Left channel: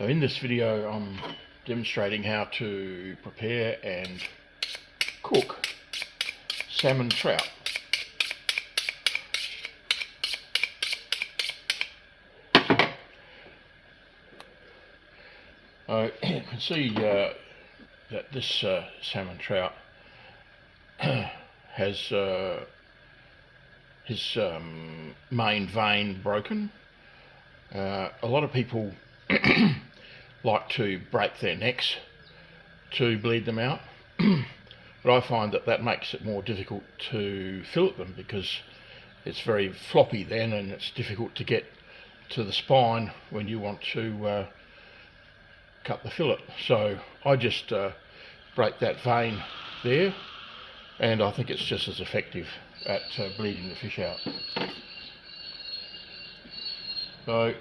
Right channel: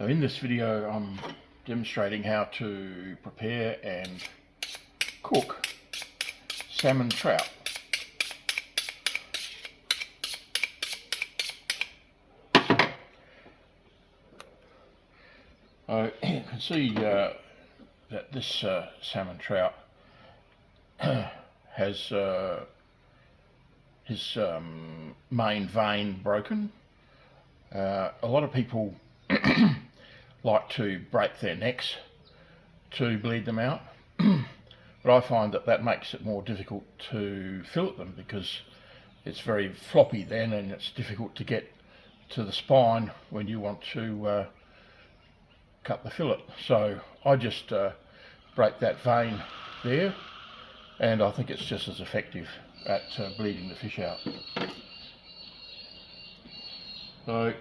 So in this video I'm demonstrating how to prepare and cook salmon trout. You can see that this salmon trout has his main vein broken. A lot of people like to break their necks to bleed them out, but I find that makes it more difficult to fillet them because it's very floppy then, and it's difficult to get to the spine when you want to cut the fillet. So I just break that vein there, and I think it's just as effective at bleeding the fish out. So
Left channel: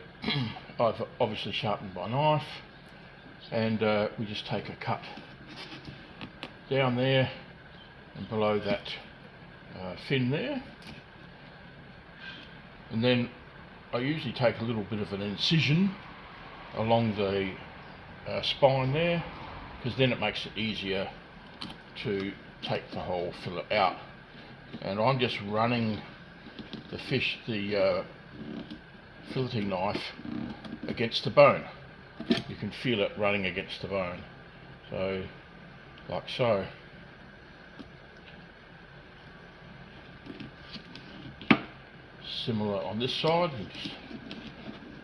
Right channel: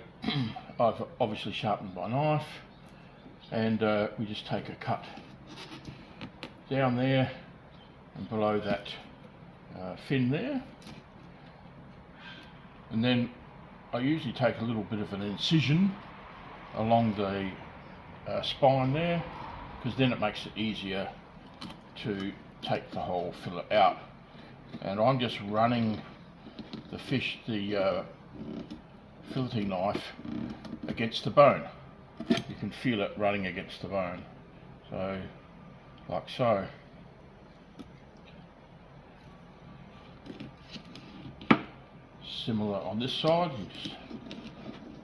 I've obviously sharpened my knife, and we just take a cut down there and below that fin there, and then I usually take a little bit of an incision along the spine there, because then it makes it easier to take the whole fillet out. And I'm just running the filleting knife against the bone. You can feel it running against the bone, so like so. Similar on this side, you just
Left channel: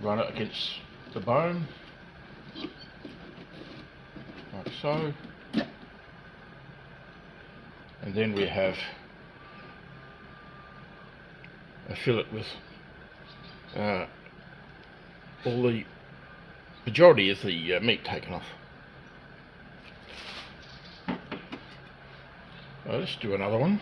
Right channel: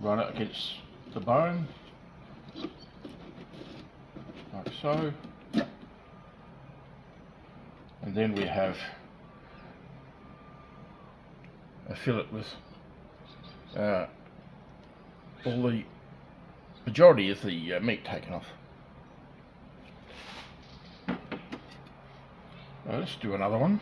run it against the bone like so, and then we have a fillet with all the majority of the meat taken off. Let's do another one.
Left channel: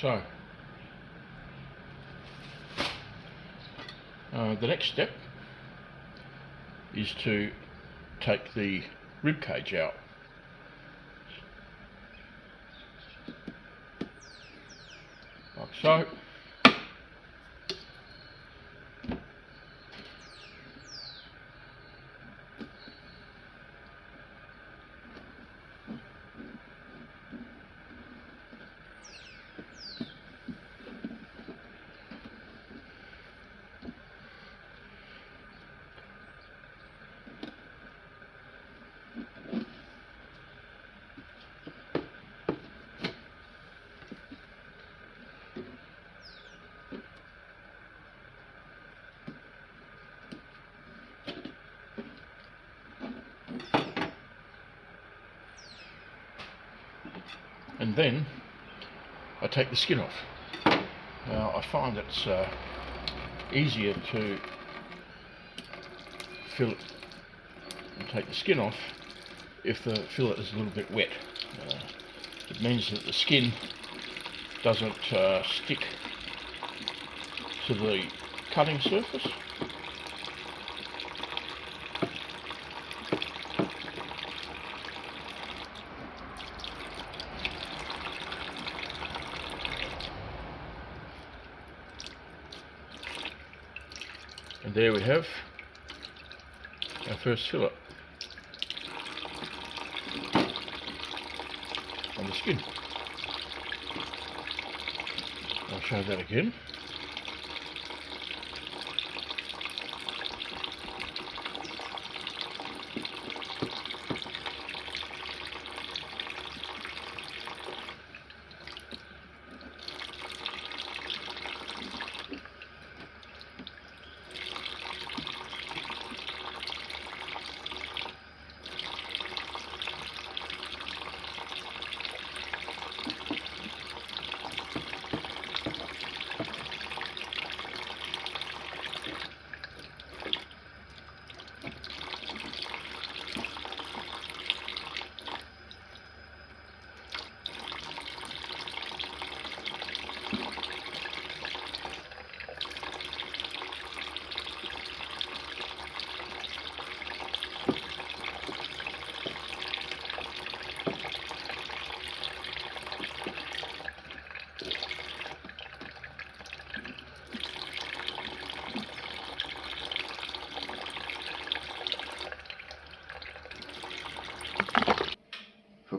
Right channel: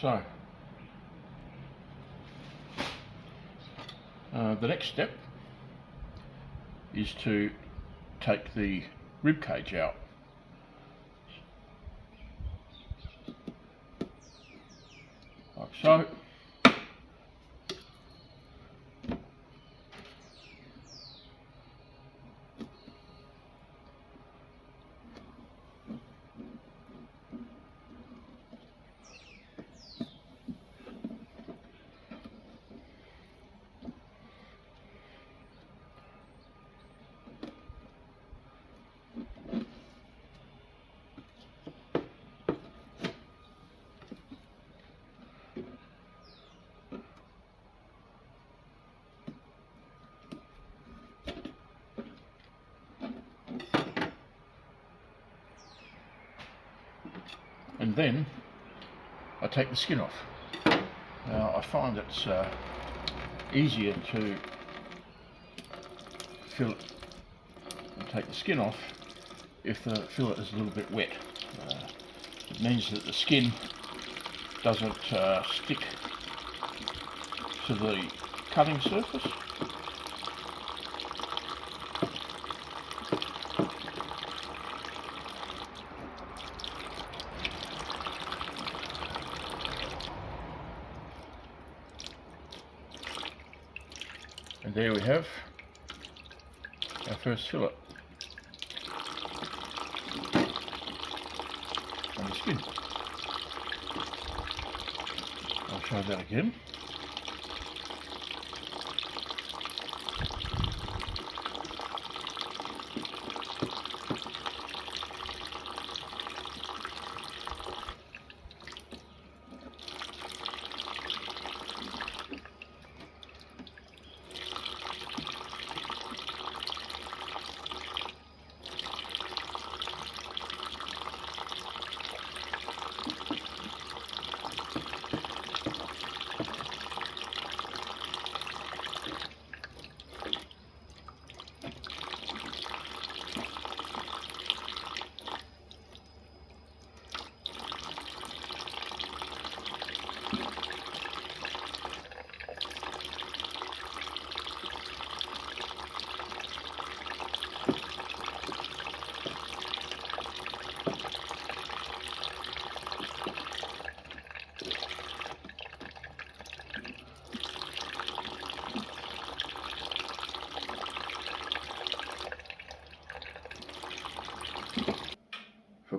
So, the next step is to take the rib cage out. Like so. And then I take the skin off. Now I find it's easier to fillet and take the skin off if the fillet is a little bit wet. It means that the skin doesn't stick to the cutting surface. And there we have our first fillet and the skin. I'll show that again.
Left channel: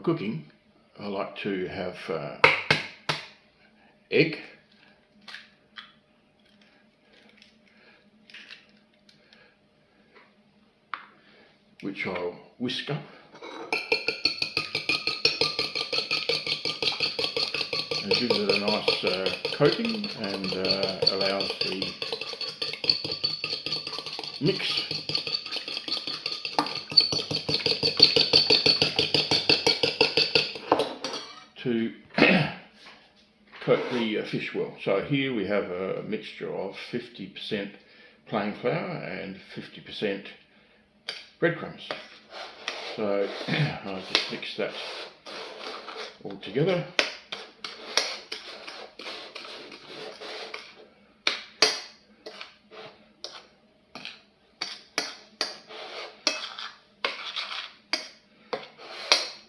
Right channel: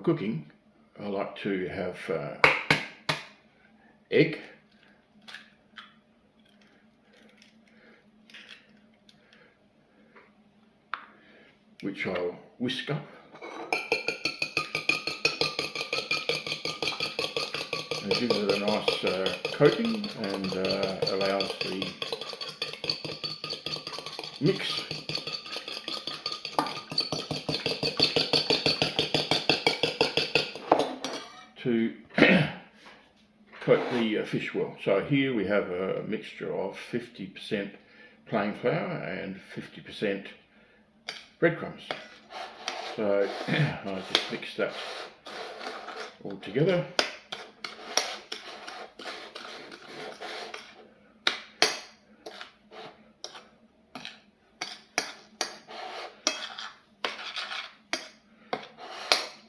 cooking, I like to have egg, which I'll whisk up. And it gives it a nice coating and allows the mix to coat the fish well. So here we have a mixture of 50% plain flour and 50% breadcrumbs. So I just mix that all together.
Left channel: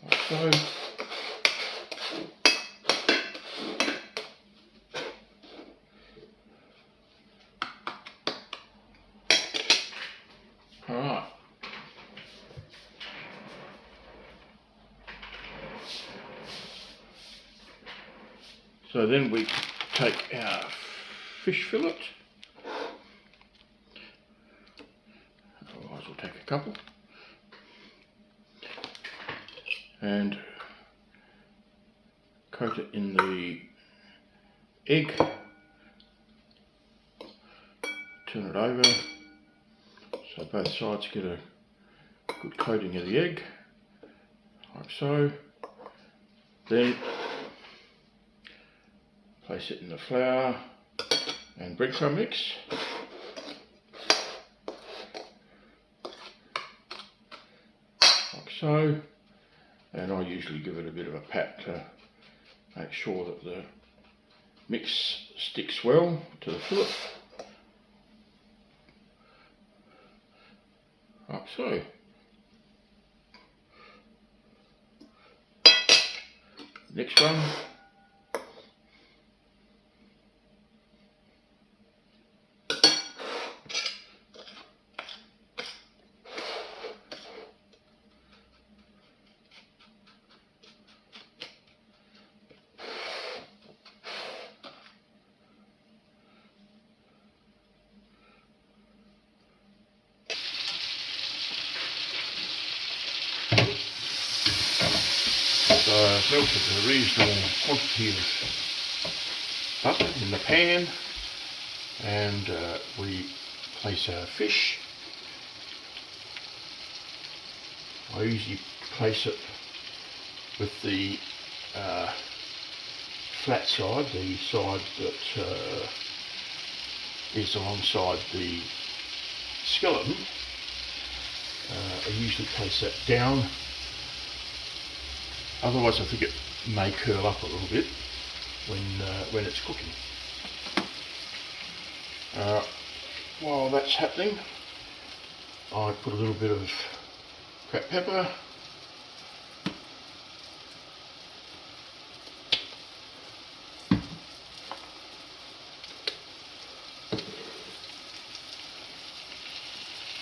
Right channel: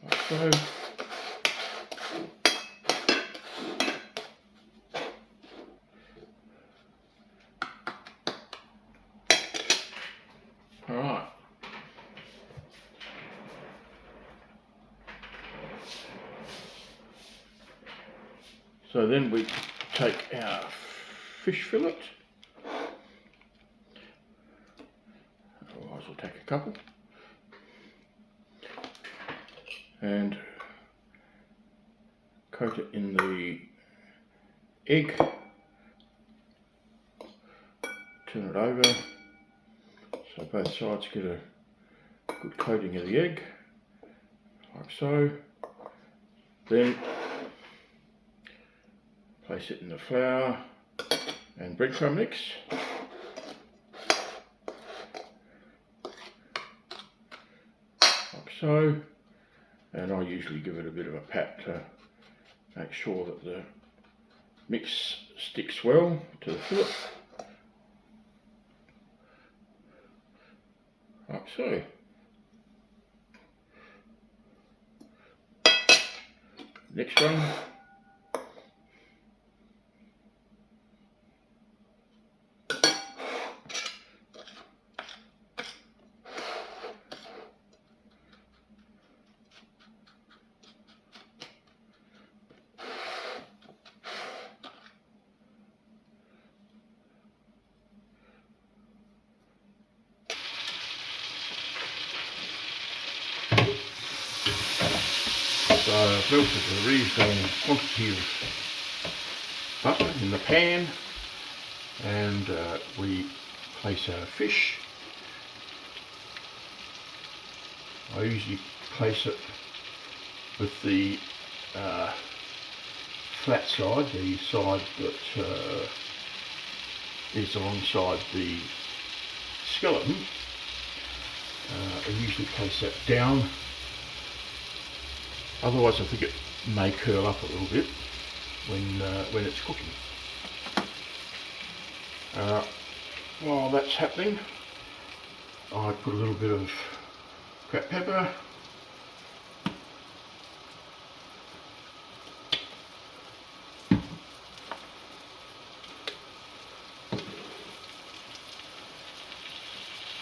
Like so. Alright. So then we take our fish fillet, otherwise we'll take a couple, and coat it in the egg, turn it over so both sides get a good coating of the egg, like so. Then place it in the flour and breadcrumb mix. Like so. And I usually give it a bit of a pat to make sure that the mix sticks well to the fillet. Like so. Next one. So I've melted a reasonable quantity of butter in the pan, and we place our fish. I usually place it with the flat side, the side that is alongside the skeleton. I usually place that down. Otherwise, I think it may curl up a little bit when it's cooking. While that's happening, I put a little bit of cracked pepper,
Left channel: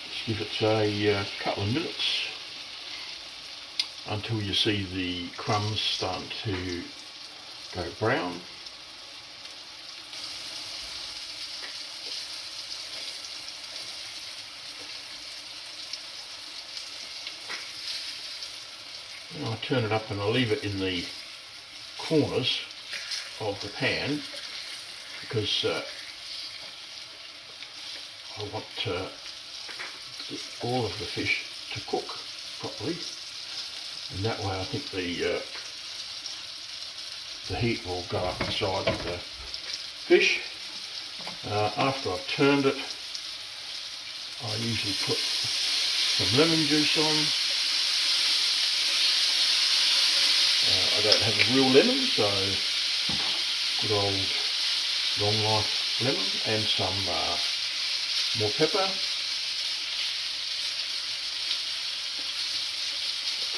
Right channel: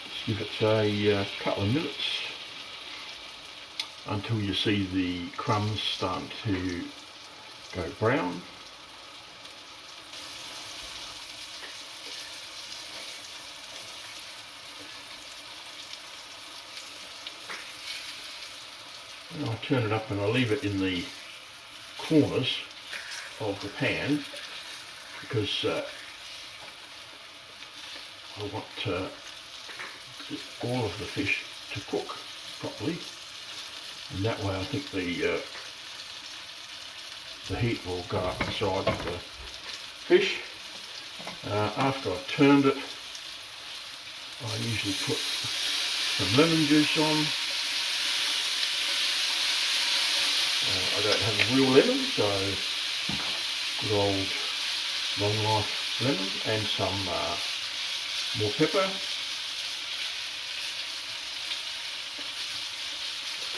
just give it a couple of minutes until you see the crumbs starting to go brown. And I turn it up and I leave it in the corners of the pan because I want all of the fish to cook properly. And that way I think the heat will go up inside of the fish. After I've turned it, I usually put some lemon juice on. I don't have a real lemon, so good old long life lemon, and some more pepper.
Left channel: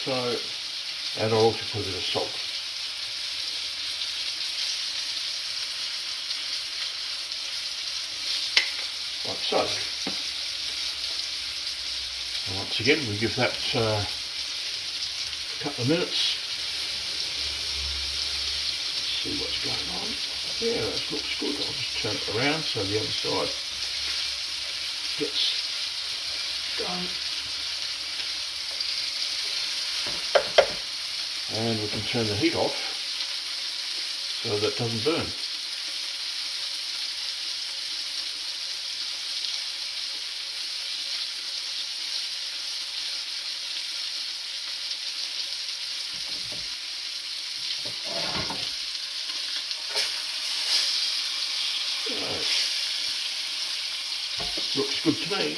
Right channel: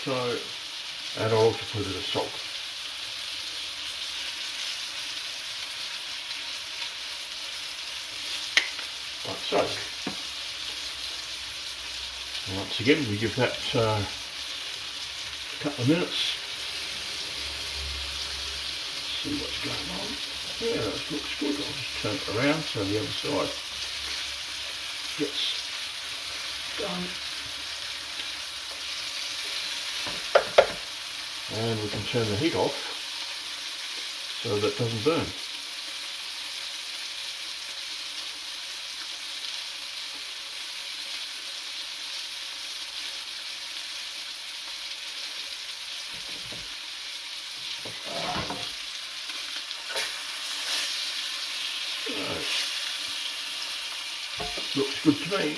So, and I'll also put a bit of salt. Like so. And once again, we give that a couple of minutes see what's going on. Yeah, that looks good. I'll just turn it around so the other side gets done. And we can turn the heat off so that it doesn't burn. Looks good to me.